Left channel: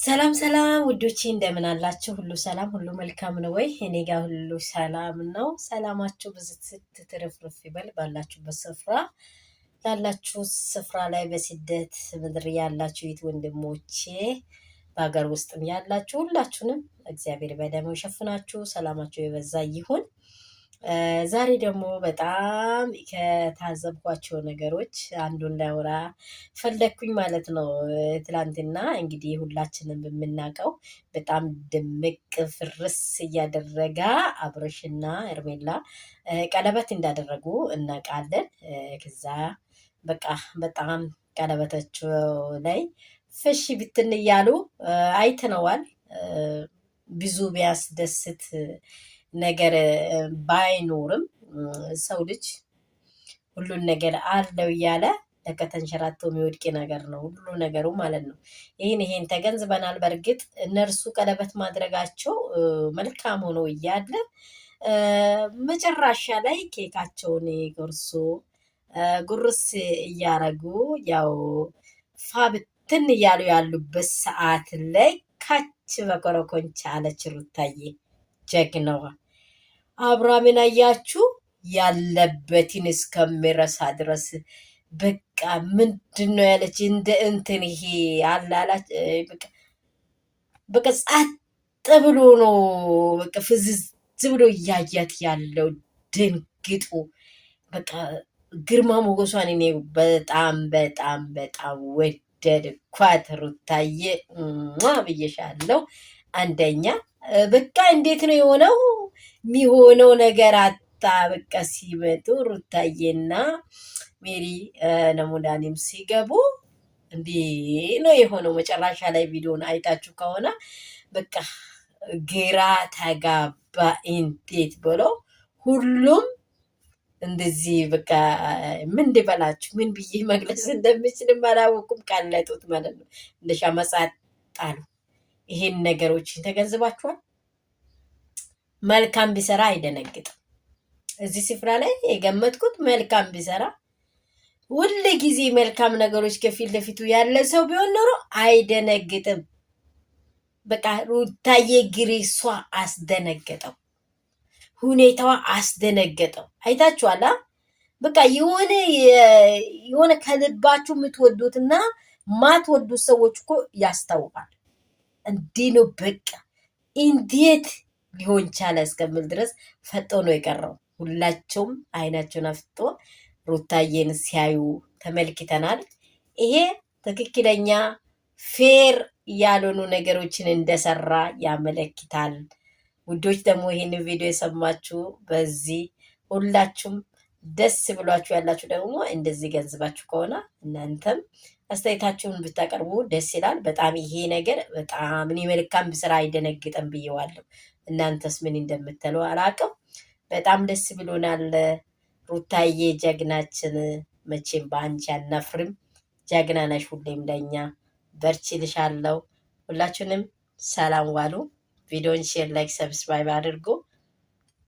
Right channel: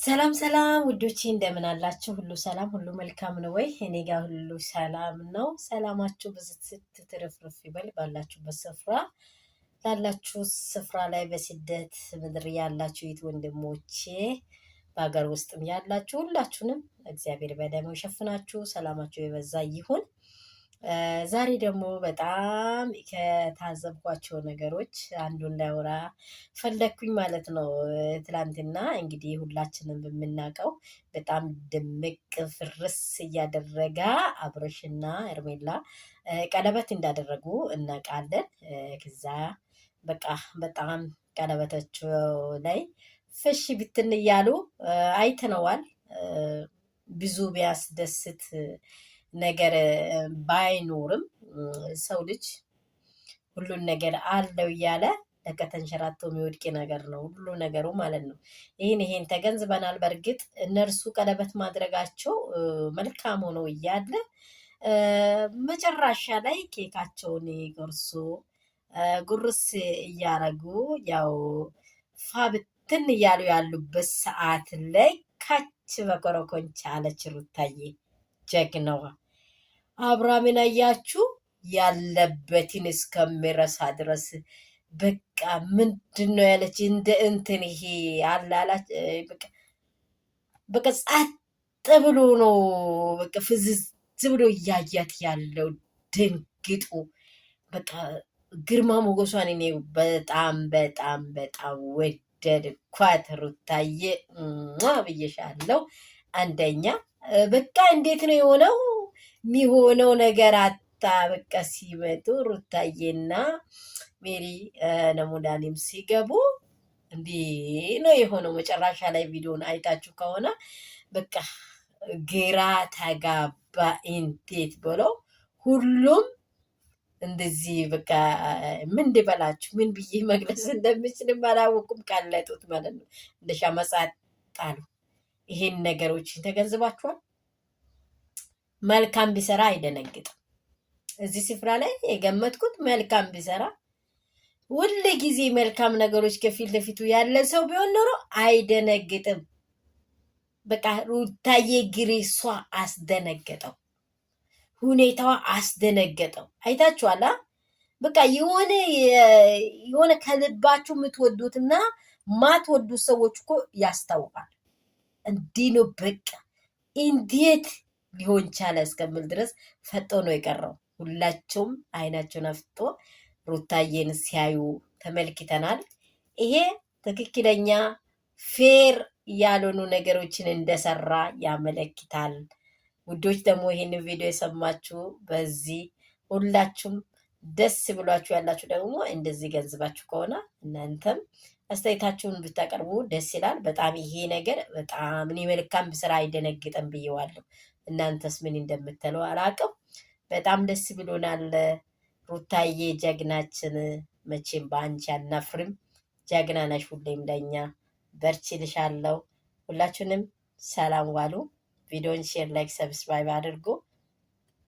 ሰላም ሰላም ውዶቼ እንደምን አላችሁ? ሁሉ ሰላም ሁሉ መልካም ነው ወይ? እኔ ጋር ሁሉ ሰላም ነው። ሰላማችሁ ብዝት ትርፍርፍ ይበል ባላችሁበት ስፍራ ላላችሁ ስፍራ ላይ በስደት ምድር ያላችሁ የት ወንድሞቼ በሀገር ውስጥም ያላችሁ ሁላችሁንም እግዚአብሔር በደሙ ይሸፍናችሁ፣ ሰላማችሁ የበዛ ይሁን። ዛሬ ደግሞ በጣም ከታዘብኳቸው ነገሮች አንዱን ላውራ ፈለግኩኝ ማለት ነው። ትላንትና እንግዲህ ሁላችንም በምናውቀው በጣም ድምቅ ፍርስ እያደረጋ አብርሽና ኤርሜላ ቀለበት እንዳደረጉ እናውቃለን። ከዛ በቃ በጣም ቀለበታቸው ላይ ፍሽ ብትን እያሉ አይተነዋል። ብዙ ቢያስደስት ነገር ባይኖርም ሰው ልጅ ሁሉን ነገር አለው እያለ ከተንሸራቶ የሚወድቅ ነገር ነው ሁሉ ነገሩ ማለት ነው። ይህን ተገንዝበናል። በእርግጥ እነርሱ ቀለበት ማድረጋቸው መልካም ሆኖ እያለ መጨረሻ ላይ ኬካቸውን ጎርሶ ጉርስ እያረጉ ያው ፋብትን እያሉ ያሉበት ሰዓት ላይ ካች በኮረኮንቻ አለች ሩታዬ ጀግናዋ። አብርሃምን አያችሁ ያለበትን እስከሚረሳ ድረስ በቃ ምንድን ነው ያለች እንደ እንትን ይሄ አላላች በቃ ጸጥ ብሎ ነው በቃ ፍዝዝ ብሎ እያያት ያለው ደንግጦ በቃ ግርማ ሞገሷን እኔ በጣም በጣም በጣም ወደድኳት። ሩታዬ ብዬሻለሁ። አንደኛ በቃ እንዴት ነው የሆነው? የሚሆነው ነገር አታ በቃ ሲመጡ ሩታዬና ሜሪ ነሙዳኒም ሲገቡ እንዲህ ነው የሆነው። መጨረሻ ላይ ቪዲዮን አይታችሁ ከሆነ በቃ ግራ ተጋባ። እንዴት ብሎ ሁሉም እንደዚህ በቃ ምን እንድበላችሁ ምን ብዬ መግለጽ እንደምችልም አላወቁም። ቀለጡት ማለት ነው። እንደ ሻመጻት ጣሉ። ይሄን ነገሮችን ተገንዝባችኋል። መልካም ቢሰራ አይደነግጥም። እዚህ ስፍራ ላይ የገመትኩት መልካም ቢሰራ ሁል ጊዜ መልካም ነገሮች ከፊት ለፊቱ ያለ ሰው ቢሆን ኖሮ አይደነግጥም። በቃ ሩታዬ ግሬሷ አስደነገጠው፣ ሁኔታዋ አስደነገጠው። አይታችኋላ። በቃ የሆነ ከልባችሁ የምትወዱትና ማትወዱት ሰዎች እኮ ያስታውቃል። እንዲህ ነው በቃ እንዴት ሊሆን ቻለ እስከምል ድረስ ፈጦ ነው የቀረው። ሁላቸውም አይናቸውን አፍጦ ሩታዬን ሲያዩ ተመልክተናል። ይሄ ትክክለኛ ፌር ያልሆኑ ነገሮችን እንደሰራ ያመለክታል። ውዶች ደግሞ ይሄን ቪዲዮ የሰማችሁ በዚህ ሁላችሁም ደስ ብሏችሁ ያላችሁ ደግሞ እንደዚህ ገንዝባችሁ ከሆነ እናንተም አስተያየታችሁን ብታቀርቡ ደስ ይላል። በጣም ይሄ ነገር በጣም እኔ መልካም ብስራ አይደነግጥም ብየዋለሁ። እናንተስ ምን እንደምትሉ አላውቅም። በጣም ደስ ብሎናል። ሩታዬ ጀግናችን፣ መቼም በአንቺ አናፍርም። ጀግና ነሽ ሁሌም ለኛ። በርቺ ልሻለሁ። ሁላችሁንም ሰላም ዋሉ። ቪዲዮን ሼር፣ ላይክ፣ ሰብስክራይብ አድርጉ።